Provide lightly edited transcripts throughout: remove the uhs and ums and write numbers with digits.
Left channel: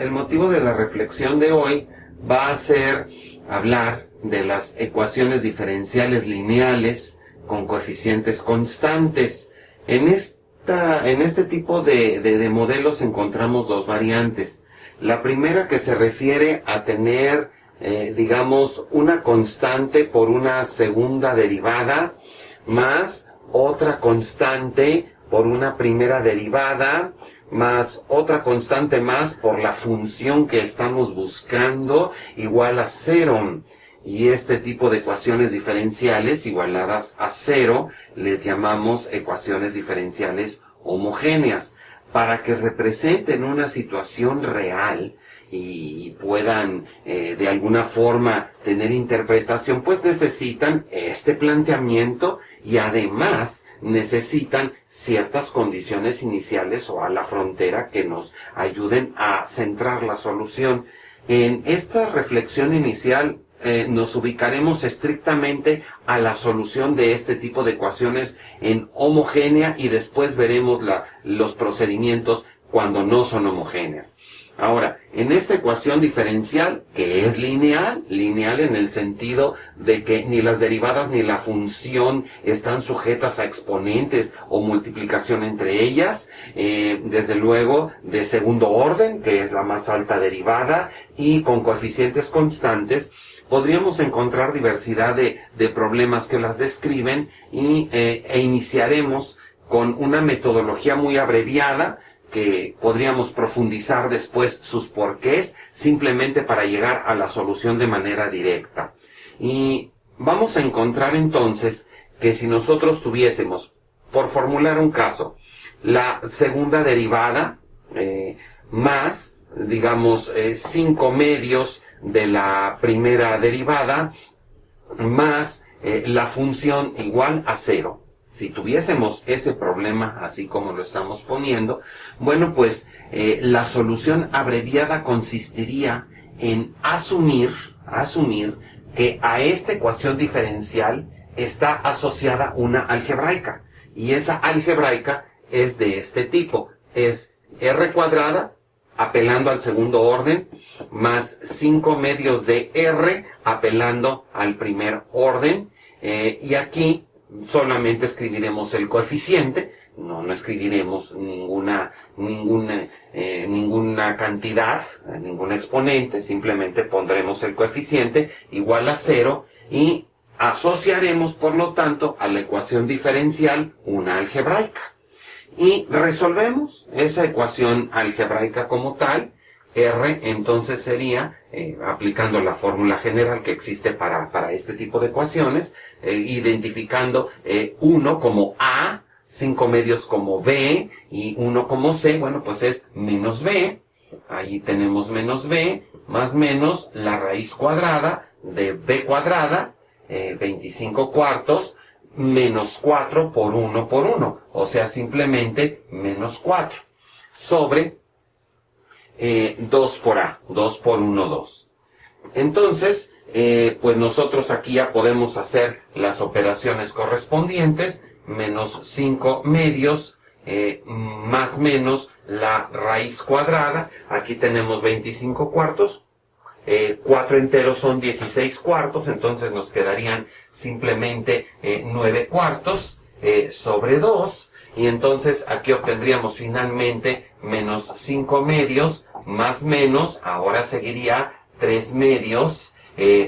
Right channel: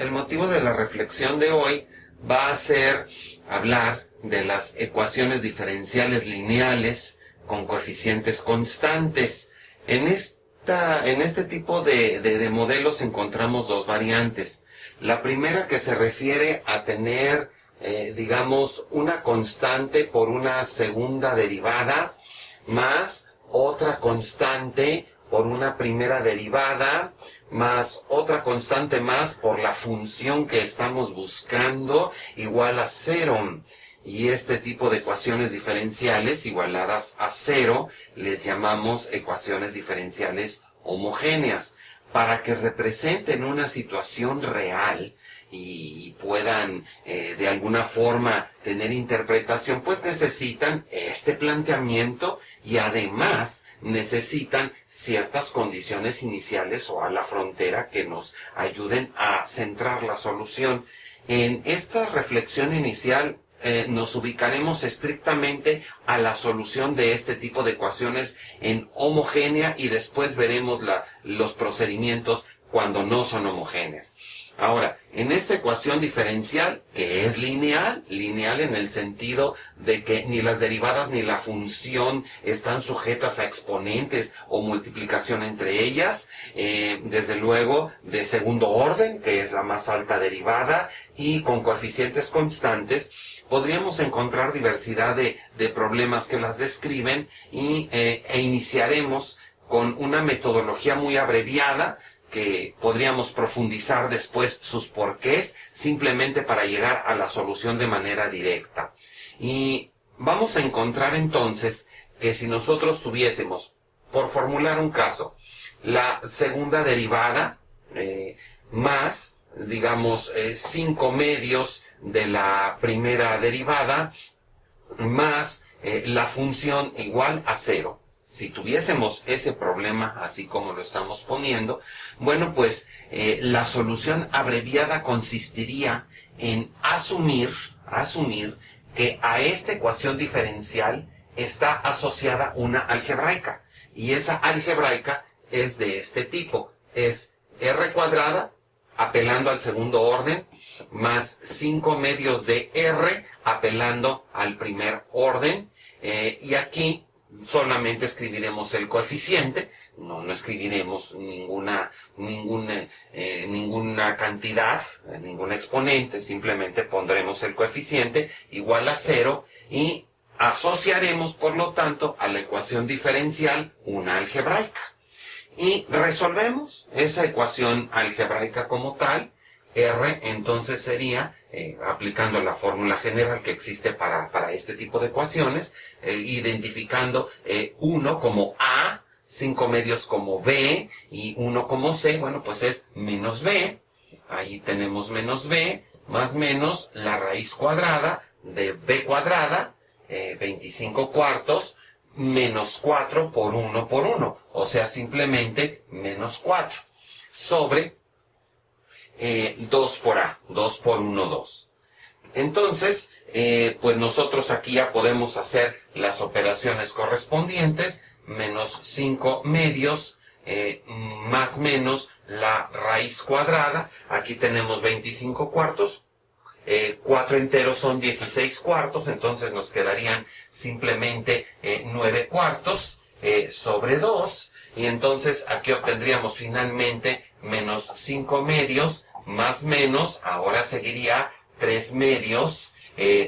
el motivo de la reflexión de hoy va a ser hablar de las ecuaciones diferenciales lineales con coeficientes constantes. En este tipo de modelos encontramos dos variantes. La primera, que se refiere a tener, digamos, una constante por una segunda derivada más otra constante por una primera derivada más otra constante más por la función que estamos buscando igual a 0. Y este tipo de ecuaciones diferenciales igualadas a 0 les llamamos ecuaciones diferenciales homogéneas. Para que representen una situación real y puedan de alguna forma tener interpretación, pues necesitan este planteamiento y además necesitan ciertas condiciones iniciales o a la frontera que nos ayuden a centrar la solución. En esta reflexión inicial nos ubicaremos estrictamente a la solución de este tipo de ecuaciones en homogénea y después veremos los procedimientos cuando no son homogéneas. Ahora, en esta ecuación diferencial, que es lineal en el sentido de que ni las derivadas ni la función están sujetas a exponentes o multiplicación entre ellas, desde luego de segundo orden, que es la más alta derivada, y con coeficientes constantes, podríamos encontrar diversidad de problemas que las describen e iniciaremos con una metodología muy abreviada que podríamos profundizar después sus porqués, simplemente para llegar a la solución de manera directa. Y vamos a encontrar entonces que si nosotros tuviésemos, por formular un caso, la segunda derivada más, digamos, 5 medios de la primera derivada, más la función igual a 0. Si tuviésemos ese problema, así como lo estamos poniendo, bueno, pues la solución abreviada consistiría en asumir que a esta ecuación diferencial está asociada una algebraica. Y esa algebraica es de este tipo. Es r cuadrada, apelando al segundo orden, más 5 medios de r, apelando al primer orden. Y aquí solamente escribiremos el coeficiente, no escribiremos ninguna cantidad, ningún exponente, simplemente pondremos el coeficiente igual a 0 y asociaremos, por lo tanto, a la ecuación diferencial una algebraica. Y resolvemos esa ecuación algebraica como tal. R entonces sería, aplicando la fórmula general que existe para este tipo de ecuaciones, identificando 1 como A, 5 medios como B y 1 como C, bueno, pues es menos B. Ahí tenemos menos B, más menos la raíz cuadrada de B cuadrada, 25 cuartos, menos 4 por 1 por 1, o sea, simplemente menos 4, sobre 2 por A, 2 por 1, 2. Entonces, pues nosotros aquí ya podemos hacer las operaciones correspondientes, menos 5 medios, más menos la raíz cuadrada, aquí tenemos 25 cuartos, 4 enteros son 16 cuartos, entonces nos quedarían simplemente 9 cuartos sobre 2, y entonces aquí obtendríamos finalmente menos 5 medios, más menos, ahora seguiría 3 medios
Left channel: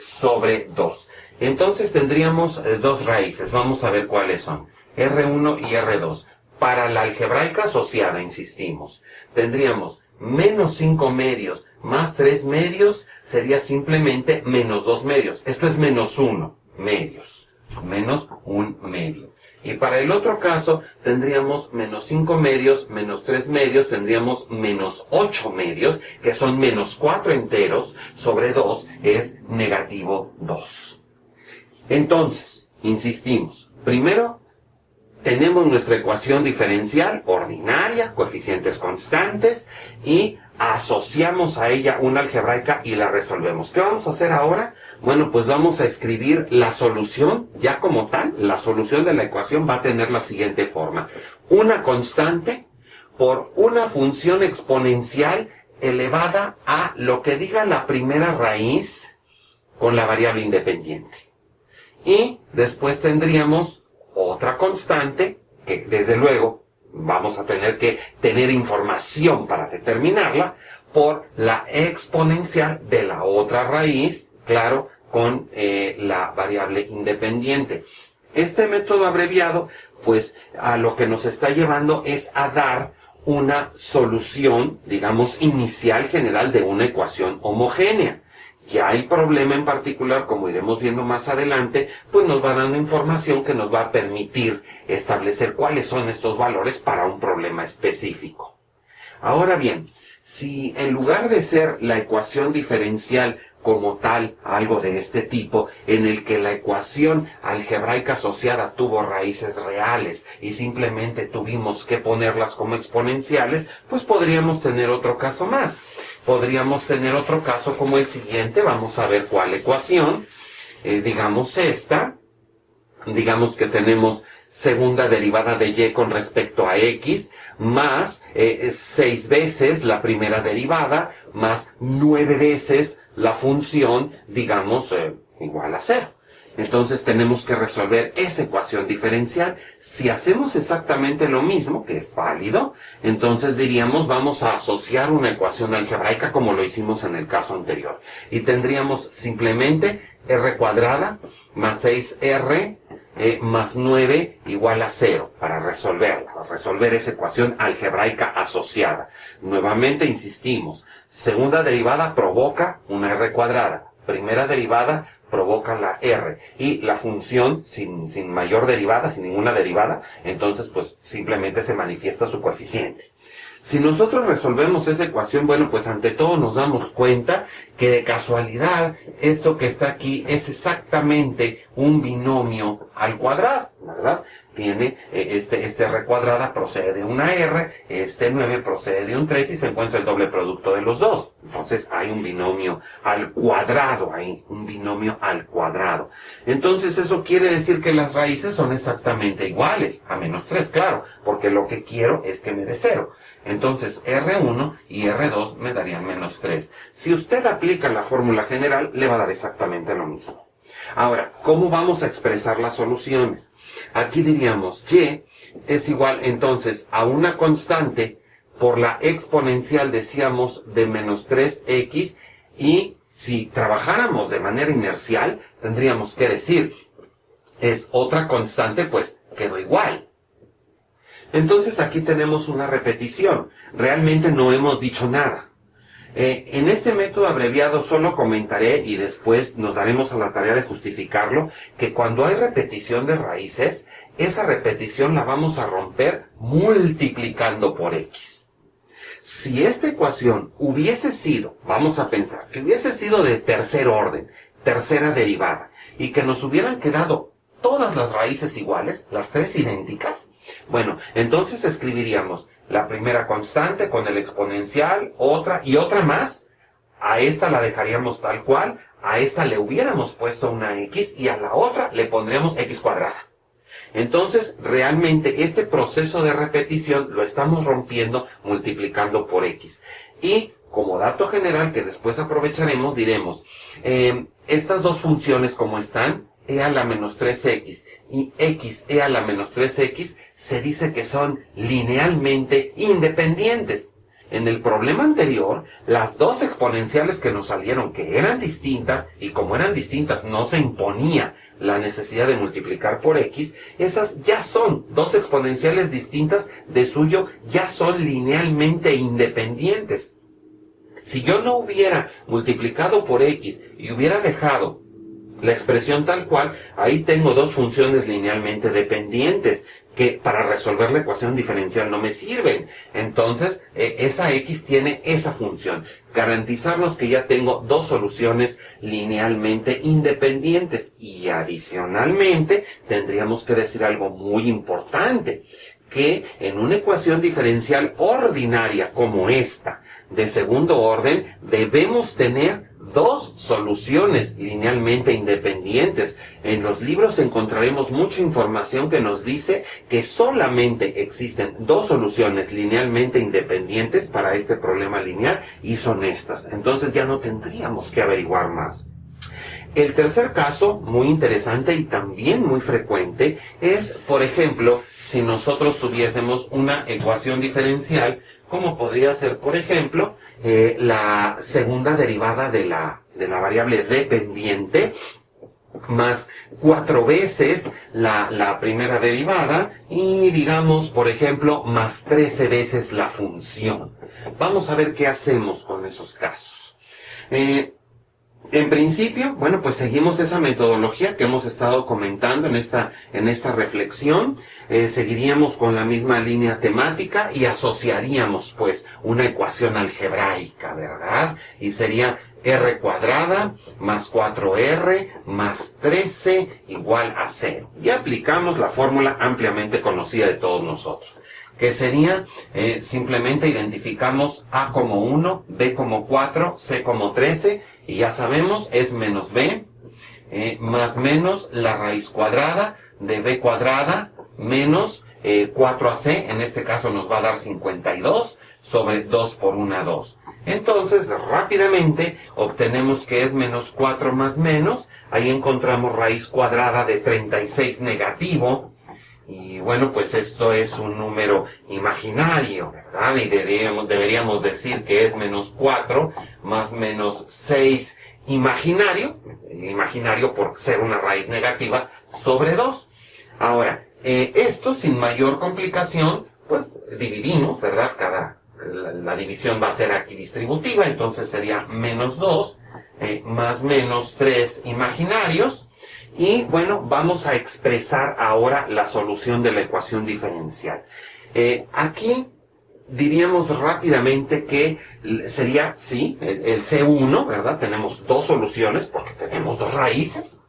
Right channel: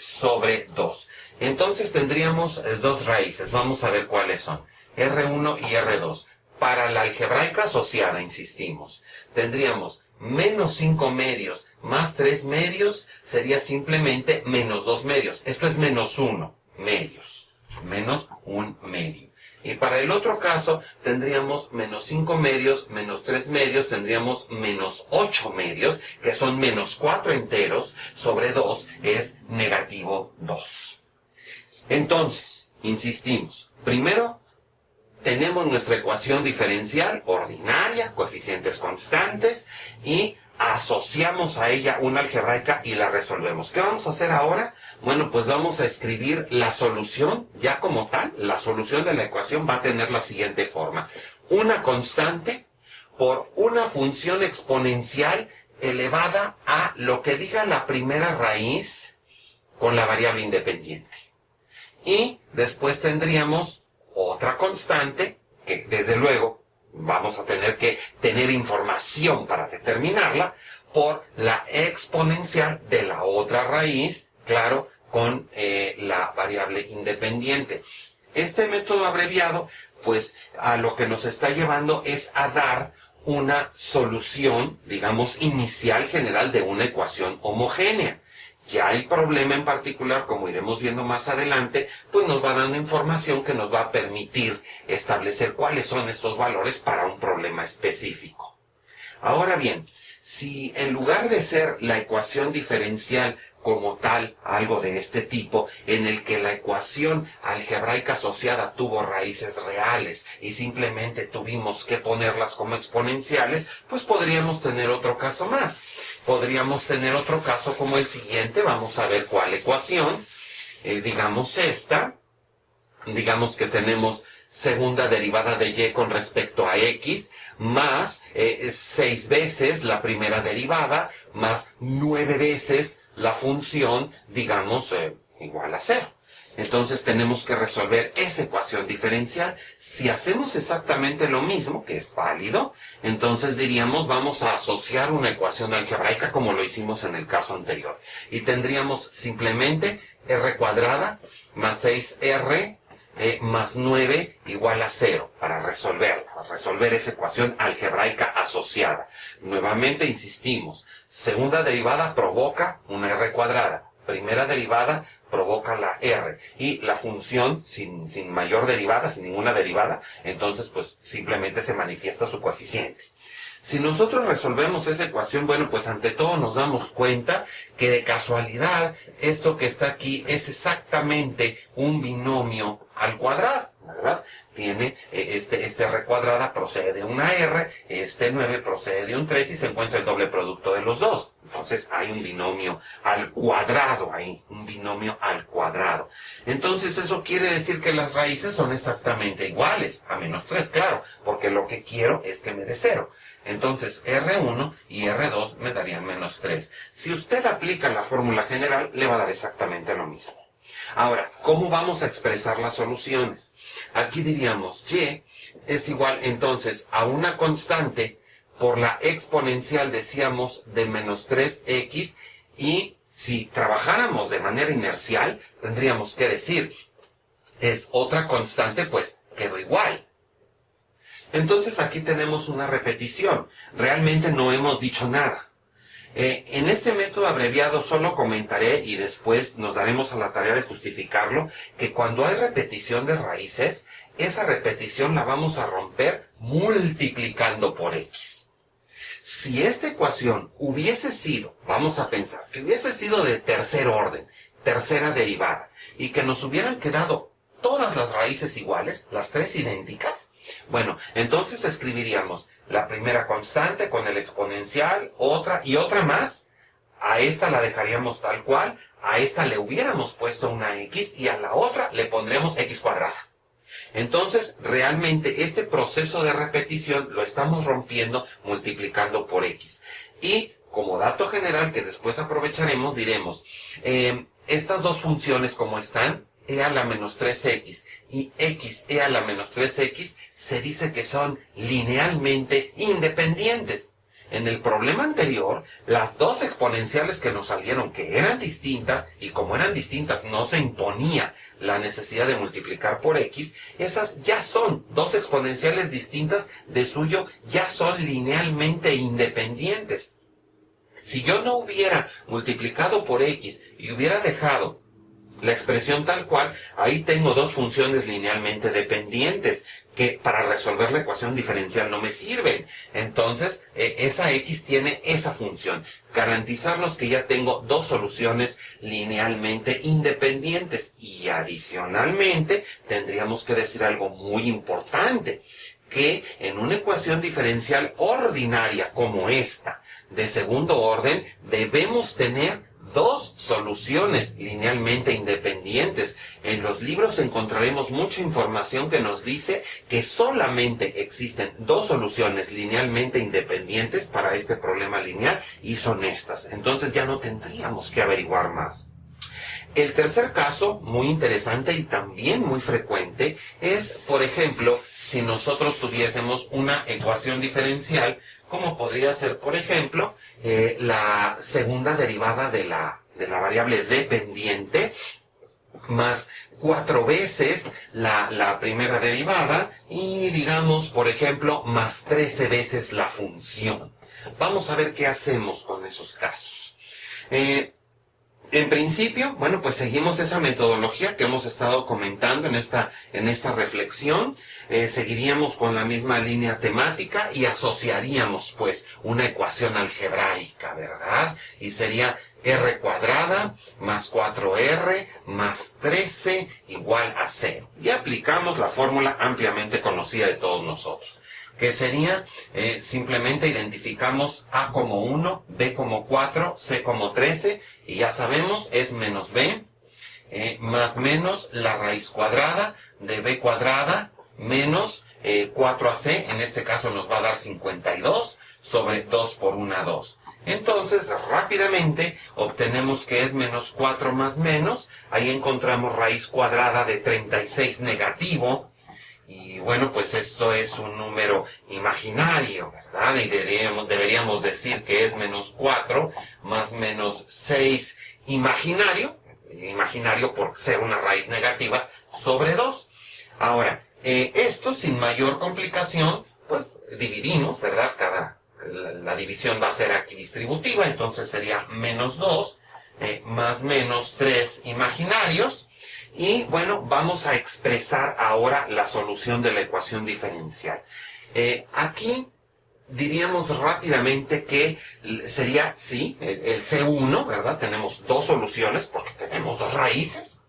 sobre 2. Entonces tendríamos dos raíces, vamos a ver cuáles son, R1 y R2. Para la algebraica asociada, insistimos, tendríamos menos 5 medios más 3 medios, sería simplemente menos 2 medios. Esto es menos 1 medios, menos 1 medio. Y para el otro caso, tendríamos menos 5 medios, menos 3 medios, tendríamos menos 8 medios, que son menos 4 enteros, sobre 2 es negativo 2. Entonces, insistimos, primero tenemos nuestra ecuación diferencial ordinaria, coeficientes constantes, y asociamos a ella una algebraica y la resolvemos. ¿Qué vamos a hacer ahora? Bueno, pues vamos a escribir la solución, ya como tal, la solución de la ecuación va a tener la siguiente forma. Una constante por una función exponencial elevada a lo que diga la primera raíz con la variable independiente. Y después tendríamos otra constante, que desde luego vamos a tener que tener información para determinarla, por la exponencial de la otra raíz, claro, con la variable independiente. Este método abreviado, pues a lo que nos está llevando es a dar una solución, digamos, inicial general de una ecuación homogénea. Ya el problema en particular, como iremos viendo más adelante, pues nos va dando información que nos va a permitir establecer cuáles son estos valores para un problema específico. Ahora bien, si en lugar de ser la ecuación diferencial como tal, algo de este tipo, en el que la ecuación algebraica asociada tuvo raíces reales y simplemente tuvimos que ponerlas como exponenciales, pues podríamos tener otro caso más. Podríamos tener otro caso como el siguiente. Vamos a ver cuál ecuación. Digamos esta. Digamos que tenemos segunda derivada de y con respecto a x, más 6 veces la primera derivada, más 9 veces la función, digamos, igual a 0. Entonces tenemos que resolver esa ecuación diferencial. Si hacemos exactamente lo mismo, que es válido, entonces diríamos vamos a asociar una ecuación algebraica como lo hicimos en el caso anterior. Y tendríamos simplemente r cuadrada más 6r más 9 igual a 0 para resolverla, para resolver esa ecuación algebraica asociada. Nuevamente insistimos, segunda derivada provoca una r cuadrada, primera derivada provoca la r, y la función sin mayor derivada, sin ninguna derivada, entonces pues simplemente se manifiesta su coeficiente. Si nosotros resolvemos esa ecuación, bueno, pues ante todo nos damos cuenta que de casualidad esto que está aquí es exactamente un binomio al cuadrado, ¿verdad? Tiene este r cuadrada procede de una r, este 9 procede de un 3 y se encuentra el doble producto de los dos. Entonces hay un binomio al cuadrado ahí, un binomio al cuadrado. Entonces eso quiere decir que las raíces son exactamente iguales, a menos 3, claro, porque lo que quiero es que me dé 0. Entonces R1 y R2 me darían menos 3. Si usted aplica la fórmula general, le va a dar exactamente lo mismo. Ahora, ¿cómo vamos a expresar las soluciones? Aquí diríamos y es igual entonces a una constante por la exponencial, decíamos, de menos 3x, y si trabajáramos de manera inercial, tendríamos que decir, es otra constante, pues quedó igual. Entonces aquí tenemos una repetición. Realmente no hemos dicho nada. En este método abreviado solo comentaré y después nos daremos a la tarea de justificarlo, que cuando hay repetición de raíces, esa repetición la vamos a romper multiplicando por x. Si esta ecuación hubiese sido, vamos a pensar, que hubiese sido de tercer orden, tercera derivada, y que nos hubieran quedado todas las raíces iguales, las tres idénticas, bueno, entonces escribiríamos la primera constante con el exponencial, otra y otra más. A esta la dejaríamos tal cual, a esta le hubiéramos puesto una x y a la otra le pondríamos x cuadrada. Entonces, realmente este proceso de repetición lo estamos rompiendo multiplicando por x. Y como dato general que después aprovecharemos, diremos, estas dos funciones como están, e a la menos 3x y x e a la menos 3x, se dice que son linealmente independientes. En el problema anterior, las dos exponenciales que nos salieron, que eran distintas, y como eran distintas no se imponía la necesidad de multiplicar por x, esas ya son dos exponenciales distintas, de suyo ya son linealmente independientes. Si yo no hubiera multiplicado por x y hubiera dejado la expresión tal cual, ahí tengo dos funciones linealmente dependientes que para resolver la ecuación diferencial no me sirven. Entonces, esa x tiene esa función, garantizarnos que ya tengo dos soluciones linealmente independientes. Y adicionalmente, tendríamos que decir algo muy importante, que en una ecuación diferencial ordinaria como esta, de segundo orden, debemos tener dos soluciones linealmente independientes. En los libros encontraremos mucha información que nos dice que solamente existen dos soluciones linealmente independientes para este problema lineal y son estas. Entonces ya no tendríamos que averiguar más. El tercer caso, muy interesante y también muy frecuente, es, por ejemplo, si nosotros tuviésemos una ecuación diferencial, como podría ser, por ejemplo, la segunda derivada de la variable dependiente, más 4 veces la primera derivada y, digamos, por ejemplo, más 13 veces la función. Vamos a ver qué hacemos con esos casos. En principio, bueno, pues seguimos esa metodología que hemos estado comentando en esta reflexión. Seguiríamos con la misma línea temática y asociaríamos, pues, una ecuación algebraica, ¿verdad? Y sería r cuadrada más 4r más 13 igual a 0. Y aplicamos la fórmula ampliamente conocida de todos nosotros, que sería, simplemente identificamos a como 1, b como 4, c como 13, y ya sabemos, es menos b, más menos la raíz cuadrada de b cuadrada, menos 4ac, en este caso nos va a dar 52, sobre 2 por 1, 2. Entonces, rápidamente, obtenemos que es menos 4 más menos, ahí encontramos raíz cuadrada de 36 negativo, y bueno, pues esto es un número imaginario, ¿verdad? Y deberíamos decir que es menos 4 más menos 6 imaginario por ser una raíz negativa, sobre 2. Ahora, esto sin mayor complicación, pues dividimos, ¿verdad? La división va a ser aquí distributiva, entonces sería menos 2 más menos 3 imaginarios. Y bueno, vamos a expresar ahora la solución de la ecuación diferencial. Aquí diríamos rápidamente que sería, sí, el C1, ¿verdad? Tenemos dos soluciones porque tenemos dos raíces.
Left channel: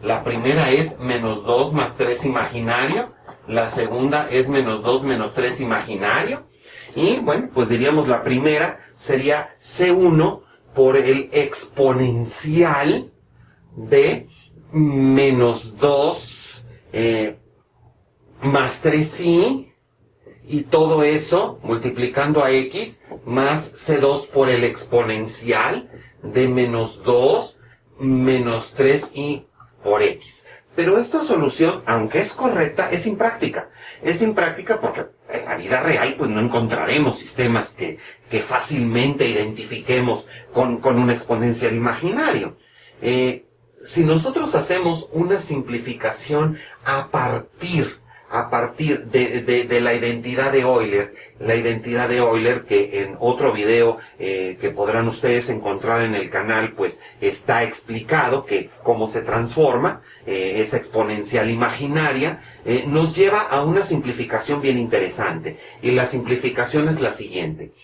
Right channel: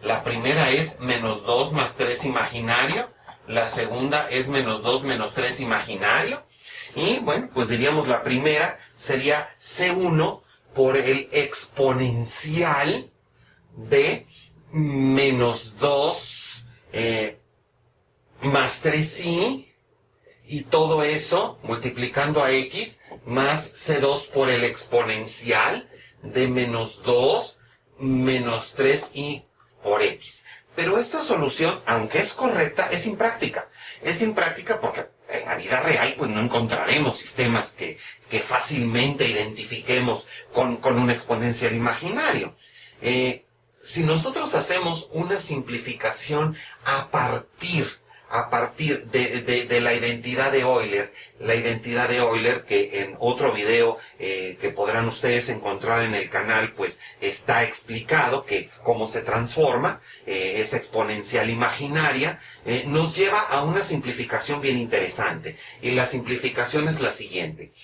La primera es menos 2 más 3 imaginario. La segunda es menos 2 menos 3 imaginario. Y bueno, pues diríamos la primera sería C1 por el exponencial de menos 2 más 3i, y todo eso multiplicando a x, más c2 por el exponencial de menos 2 menos 3i por x. Pero esta solución, aunque es correcta, es impráctica. Es impráctica porque en la vida real pues no encontraremos sistemas que fácilmente identifiquemos con un exponencial imaginario. Si nosotros hacemos una simplificación a partir de la identidad de Euler, que en otro video que podrán ustedes encontrar en el canal, pues está explicado que cómo se transforma esa exponencial imaginaria, nos lleva a una simplificación bien interesante. Y la simplificación es la siguiente.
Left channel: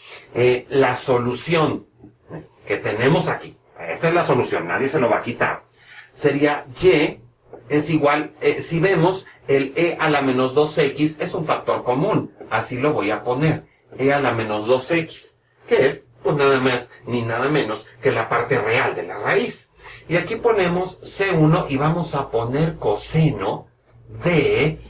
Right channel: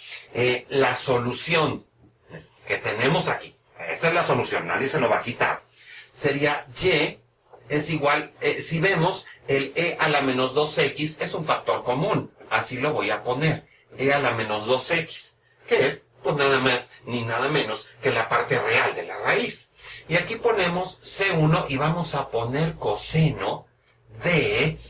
La solución que tenemos aquí, esta es la solución, nadie se lo va a quitar, sería y es igual, si vemos, el e a la menos 2x es un factor común, así lo voy a poner, e a la menos 2x, que es pues nada más ni nada menos que la parte real de la raíz. Y aquí ponemos C1 y vamos a poner coseno de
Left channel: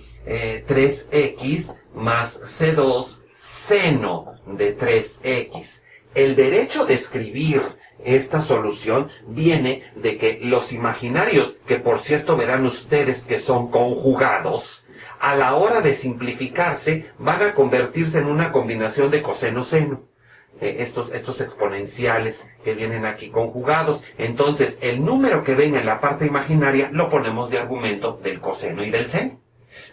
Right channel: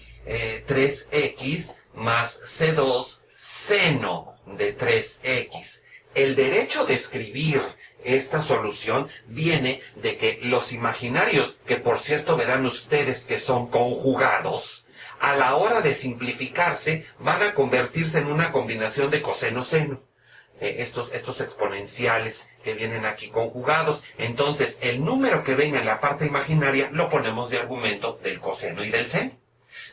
3x más C2 seno de 3x. El derecho de escribir esta solución viene de que los imaginarios, que por cierto verán ustedes que son conjugados, a la hora de simplificarse van a convertirse en una combinación de coseno-seno. Estos exponenciales que vienen aquí conjugados. Entonces, el número que venga en la parte imaginaria lo ponemos de argumento del coseno y del seno.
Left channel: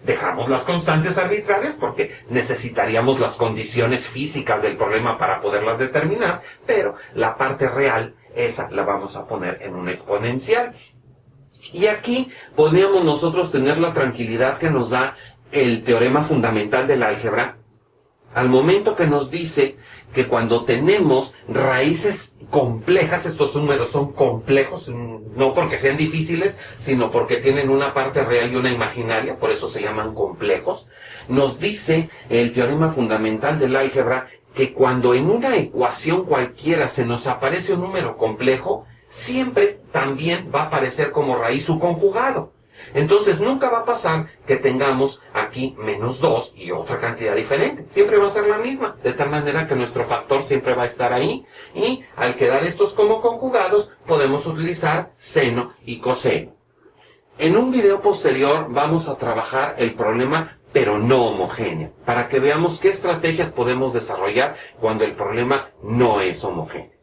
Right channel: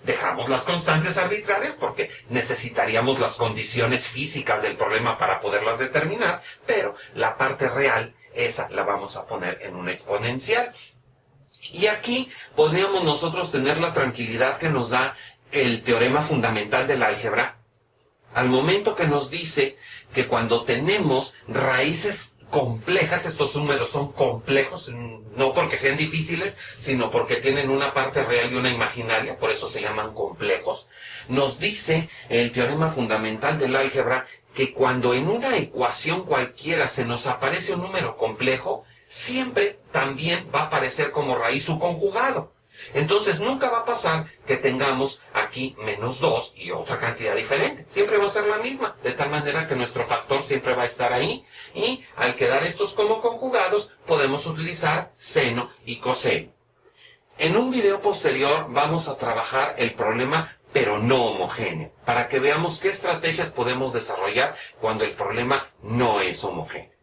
Dejamos las constantes arbitrarias porque necesitaríamos las condiciones físicas del problema para poderlas determinar, pero la parte real, esa la vamos a poner en una exponencial. Y aquí podríamos nosotros tener la tranquilidad que nos da el teorema fundamental de la álgebra al momento que nos dice que cuando tenemos raíces complejas, estos números son complejos, no porque sean difíciles, sino porque tienen una parte real y una imaginaria, por eso se llaman complejos, nos dice el teorema fundamental del álgebra que cuando en una ecuación cualquiera se nos aparece un número complejo, siempre también va a aparecer como raíz su conjugado. Entonces nunca va a pasar que tengamos aquí -2 y otra cantidad diferente. Siempre va a ser la misma, de tal manera que nuestro factor siempre va a estar ahí, y al quedar estos como conjugados podemos utilizar seno y coseno. En un video posterior vamos a trabajar el problema pero no homogéneo, para que veamos qué estrategias podemos desarrollar cuando el problema no es homogéneo.